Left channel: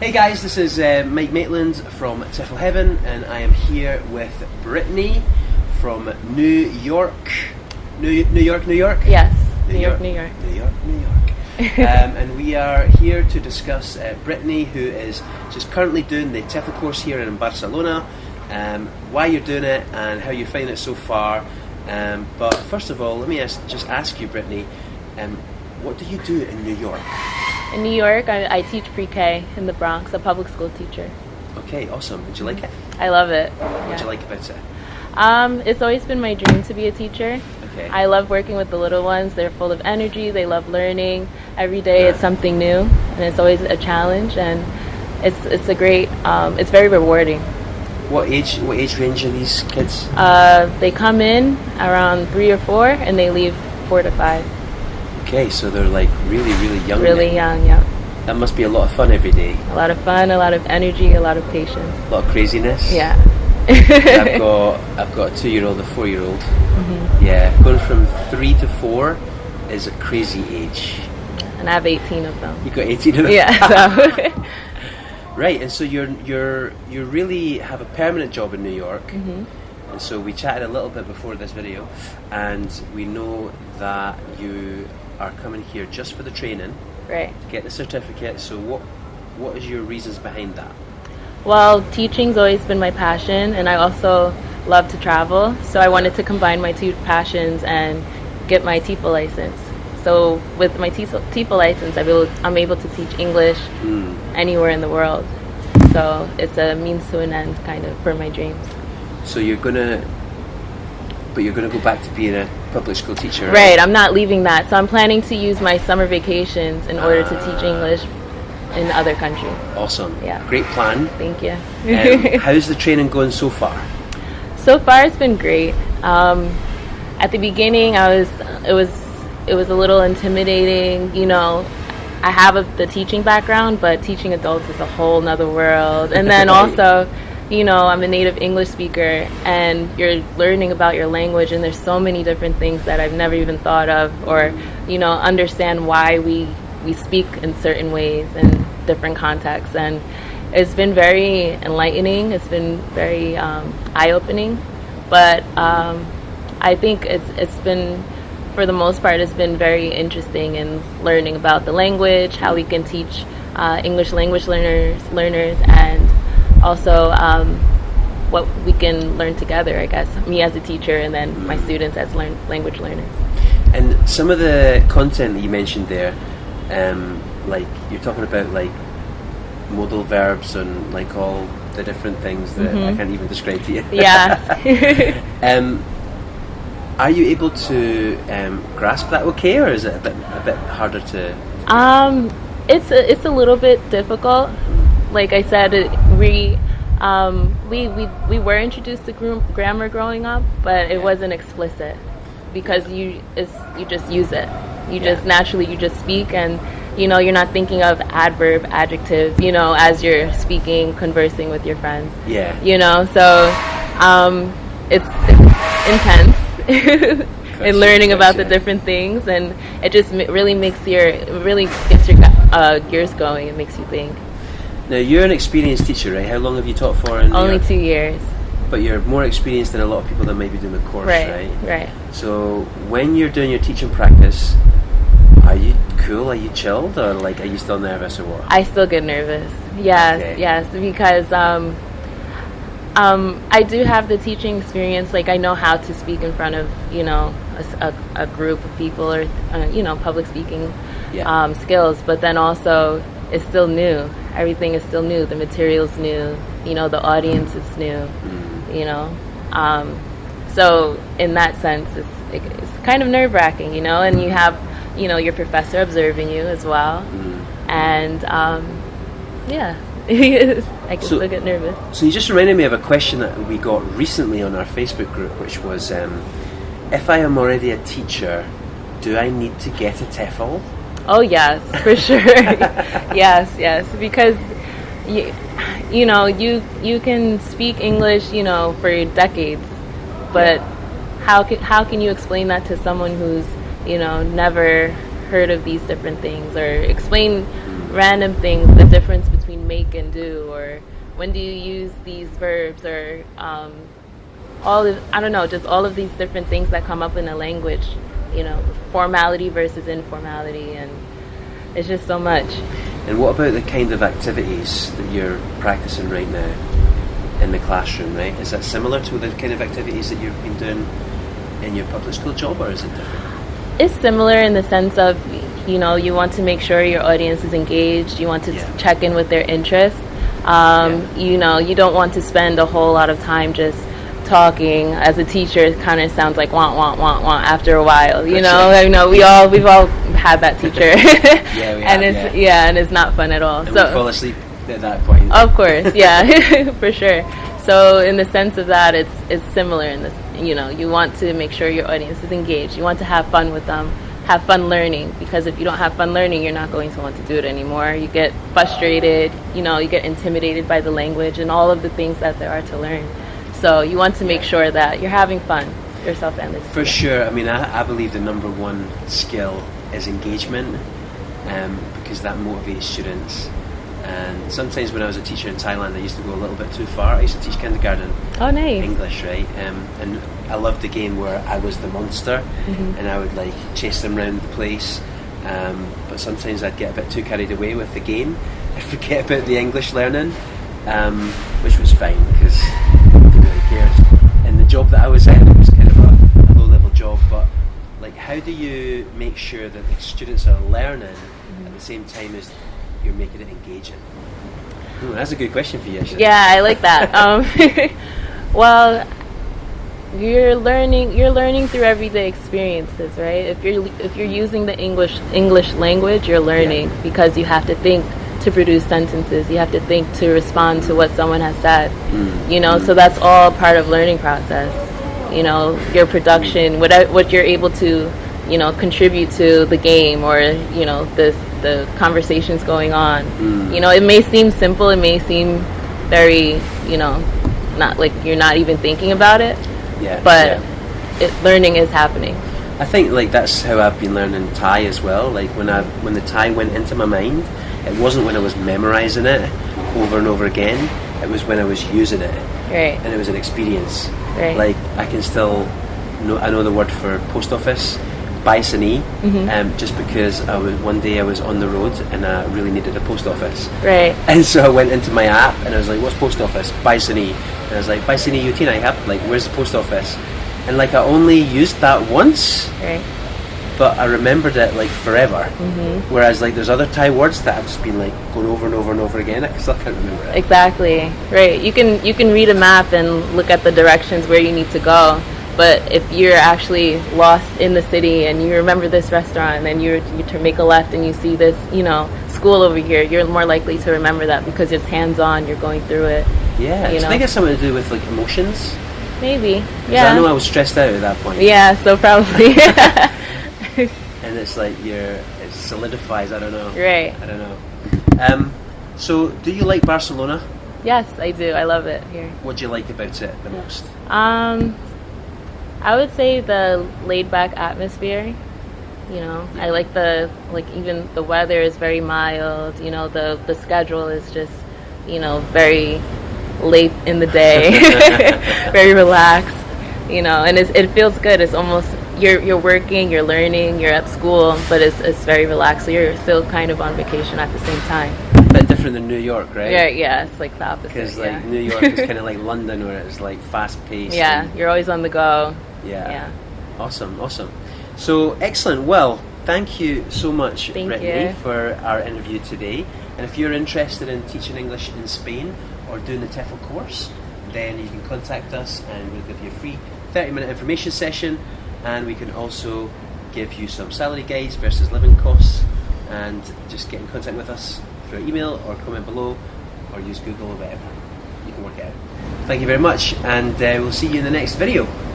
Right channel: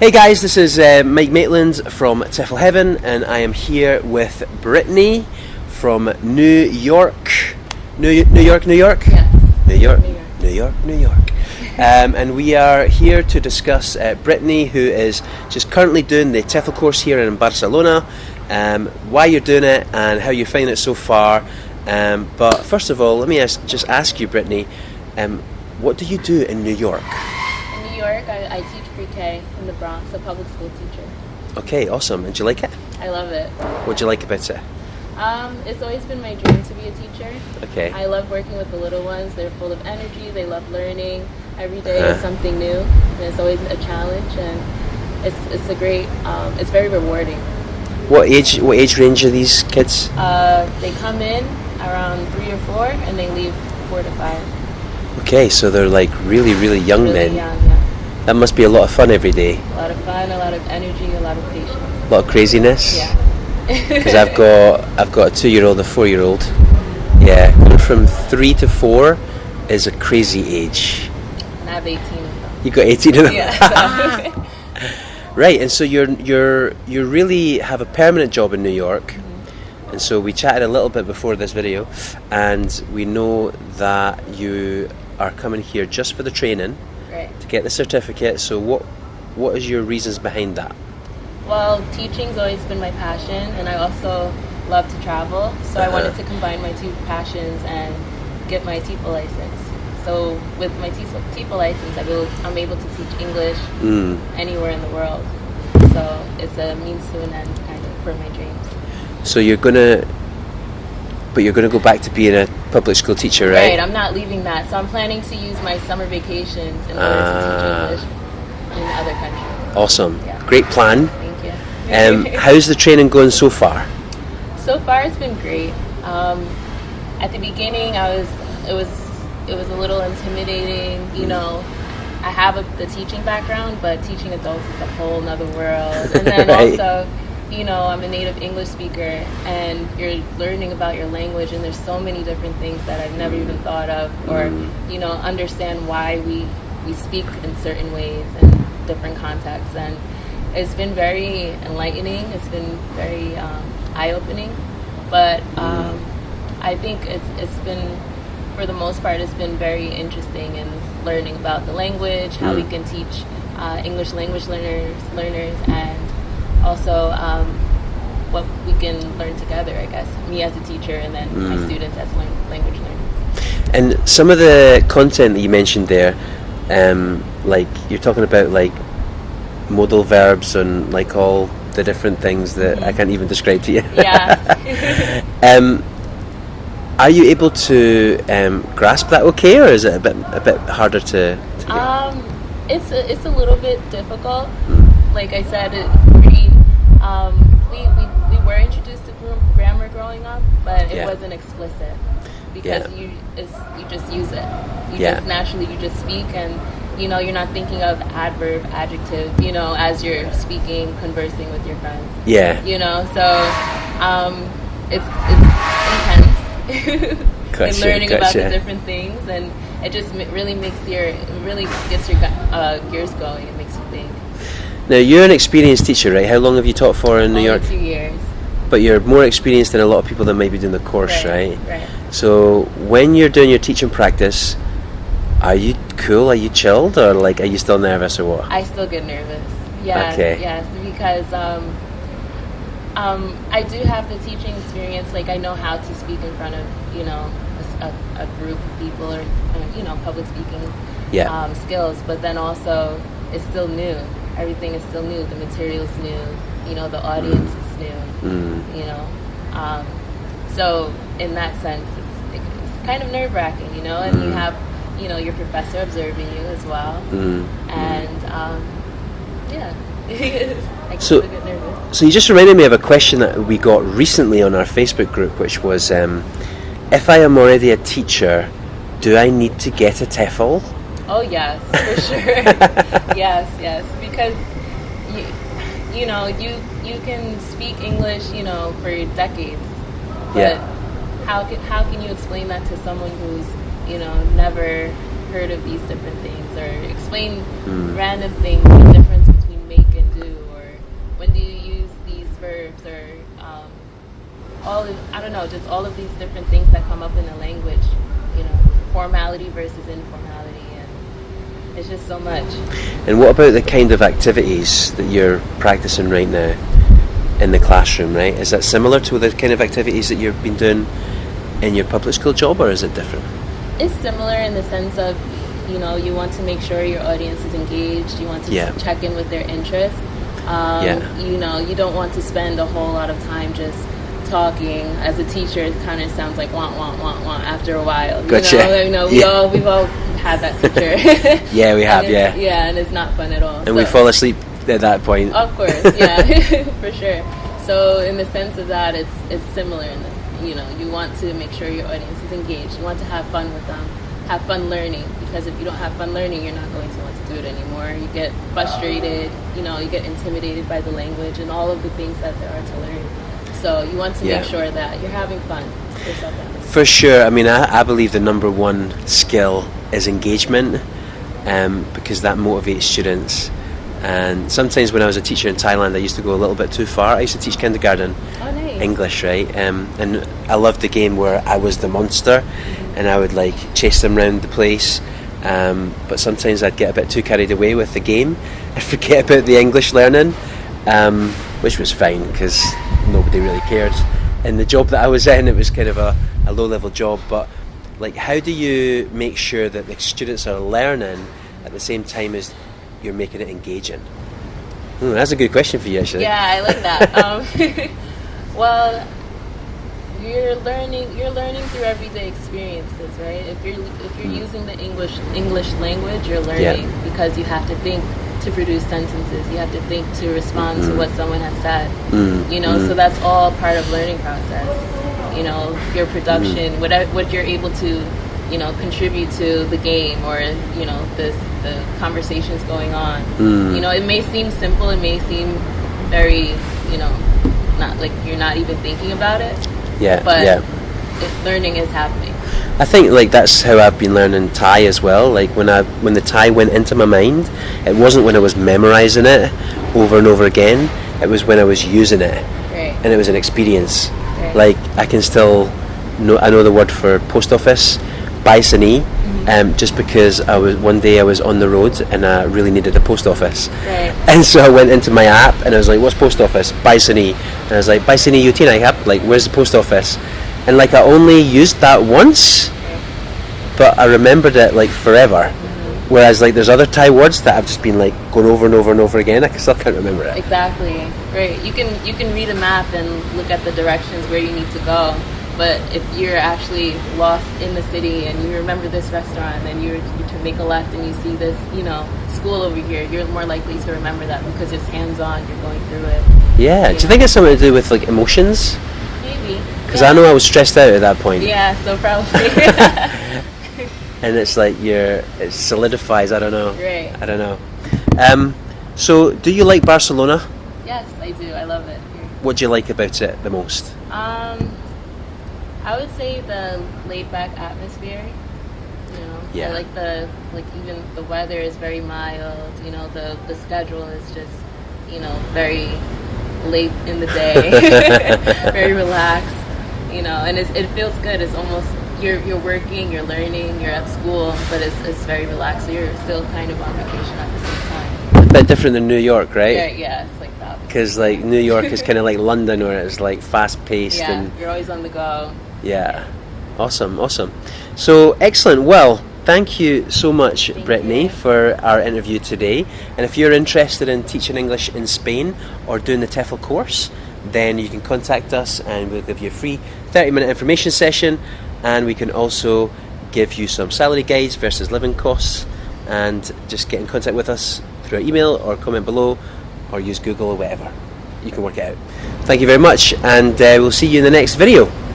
Hey guys, this is Mike Maitland from TEFL Heaven, and I am here with Britney from New York. New York? Yes. New York. And we are here to discuss Britney, who is just currently doing the TEFL course here in Barcelona, why you're doing it and how you're finding it so far. But first of all, let me just ask you, Britney, what do you do in New York? In New York, I teach pre-K in the Bronx, a public school teacher. Okay, awesome. And do you like it? I love it. What do you like about it? It's always been my dream to be a teacher. Okay. I love working with the little ones. They're full of energy. They love learning. Every day is something new, and it's always a challenge. And it's a great. It's very rewarding. What age range are these kids? They come in around 3 or 4, and they leave 4 to 5. Okay, so they're like really young. Really young, yeah. That must be a lot of fun every day. A lot of fun, a lot of energy, a lot of patience. A lot of craziness. Yeah. 'Cause I've got a 2-year-old, a 4-year-old. Mm-hmm. Yeah, going from 3 to 4 is a crazy age. And I have 18 of them. You got 18 of them. Yeah. So. Right, and so you really have a permanent job in New York. Mm-hmm. And so we chatted a little bit before this video, and we know that you are coming here just for the training, right, to get the certificate. So what is your reasons behind that? Well, teaching's always been my passion, and I also love to travel, so I wanted to combine my two passions and get my TEFL license. So with my TEFL license, I'm able to teach English anywhere in the world. So it's a means to an end, kind of, for my dreams. So you're gonna go back to being a public school teacher, right? Right, I'm not leaving that. So I'm planning to use my summer vacations in order to teach English in other countries. Awesome. Yeah. Great plan. Thank you. How's the training going so far? So far, it's been great. At the beginning, it was a little intimidating. You know, I have the teaching background, but teaching adults is a whole nother world. And then right. Also, you know, I'm a native English speaker, and you're learning about your language, and there's so many different things that I've never even thought of, or you know, understand why we speak in certain ways in different contexts. And it's been very enlightening. It's been very eye-opening, but I think it's been, for the most part, it's been very interesting in learning about the language, how we can teach English language learners, and also what we can learn together, I guess, me as a teacher and then my students as language learners. And some of the content that you mentioned there, like you're talking about like modal verbs and like all the different things that I can't even describe to you. Yeah. Are you able to grasp that okay, or is it a bit harder to It's a little bit difficult. Like I said, we were introduced to grammar growing up, but it wasn't explicit, because you just use it. You just naturally speak, and you know, you're not thinking of adverb, adjective, you know, as you're speaking, conversing with your friends. Yeah. You know, so it's intense. In learning about the different things, and it just really gets your gears going. It makes you think. Now, you're an experienced teacher, right? How long have you taught for in New York? Only 2 years. But you're more experienced than a lot of people that might be doing the course, right? Right. So when you're doing your teaching practice, are you cool? Are you chilled, or like, are you still nervous, or what? I still get nervous. Yes, because I do have the teaching experience. Like, I know how to speak in front of, you know, a group of people, or you know, public speaking skills. But then also, it's still new. Everything is still new. The material's new. You know, the audience is new. You know, so in that sense, it's kind of nerve-wracking. You know, and you have, you know, your professor observing you as well, and yeah. I can still get nervous. So you just reminded me of a question that we got recently on our Facebook group, which was, if I am already a teacher, do I need to get a TEFL? Oh yes, for sure. yes, because you know, you can speak English, you know, for decades, but how can you explain that to someone who's, you know, never heard of these different things, or explain random things, the difference between make verbs or I don't know, just all of these different things that come up in a language, you know, formality versus informality, and it's just so much. And what about the kind of activities that you're practicing right now in the classroom, right? Is that similar to the kind of activities that you've been doing in your public school job, or is it different? It's similar in the sense of, you know, you want to make sure your audience is engaged, you want to check in with their interests. You know, you don't want to spend a whole lot of time just talking. As a teacher, it kind of sounds like want after a while. You know, we've all had that teacher. Yeah, we have. And it's not fun at all. And we fall asleep at that point. Of course, yeah, for sure. So in the sense of that, it's similar in this. You know, you want to make sure your audience is engaged. You want to have fun with them, have fun learning, because if you don't have fun learning, you're not going to want to do it anymore. You get frustrated, you know, you get intimidated by the language and all of the things that there are to learn. So you want to make sure that you're having fun yourself and for sure. I mean, I believe the number one skill is engagement, because that motivates students. And sometimes when I was a teacher in Thailand, I used to go a little bit too far. I used to teach kindergarten English, right? And I loved the game where I was the monster, and I would like chase them around the place. But sometimes I'd get a bit too carried away with the game and forget about the English learning, which was fine because nobody really cared. In the job that I was in, it was kind of a low-level job. But like, how do you make sure that the students are learning at the same time as you're making it engaging? That's a good question for you, actually. Yeah, I like that. Well, you're learning through everyday experiences, right? If you're using the English language, you're learning because you have to think to produce sentences. You have to think to respond to what someone has said. You know, so that's all part of learning process. You know, your production, what you're able to, you know, contribute to the game, or you know, the conversations going on. You know, it may seem simple, it may seem very, you know, not like you're not even thinking about it. But learning is happening. I think like that's how I've been learning Thai as well. Like when the Thai went into my mind, it wasn't when I was memorizing it over and over again. It was when I was using it, and it was an experience. Like I can still I know the word for post office, Baisani, just because one day I was on the road and I really needed a post office. And so I went into my app and I was like, what's post office? Baisani. And I was like, Baisani Utina app, like where's the post office? And like I only used that once, but I remembered it like forever. Whereas like there's other Thai words that I've just been like going over and over and over again. I still can't remember it. Exactly. Right. You can read a map and look at the directions where you need to go. But if you're actually lost in the city and you remember this restaurant and you make a left and you see this, you know, school over here, you're more likely to remember that because it's hands-on, you're going through it. Yeah. Do you think it's something to do with like emotions? Maybe. Because I know I was stressed out at that point. Yeah, so probably. And it's like it solidifies, I don't know. Right. I don't know. So do you like Barcelona? Yes, I do. I love it here. What do you like about it the most? I would say the laid-back atmosphere. You know, I like even the weather is very mild. You know, the schedule is just, you know, very late in the day, very relaxed. You know, and it feels good. It's almost you're working, you're learning, you're at school, but it's very relaxed. So you're still kind of on vacation at the same time. A bit different than New York, right? Yeah, it's like the opposite. Because like New York is kind of like London, where it's like fast-paced. Yeah, and you're always on the go. Yeah. Awesome. So excellent. Well, thank you so much, Britney, for our interview today. And if you're interested in teaching English in Spain or doing the TEFL course, then you can contact us and we'll give you a free 30-minute information session, and we can also give you some salary guides versus living costs. And just get in contact with us through our email or comment below or use Google or whatever. You can work it out. Thank you very much, and we'll see you in the next video.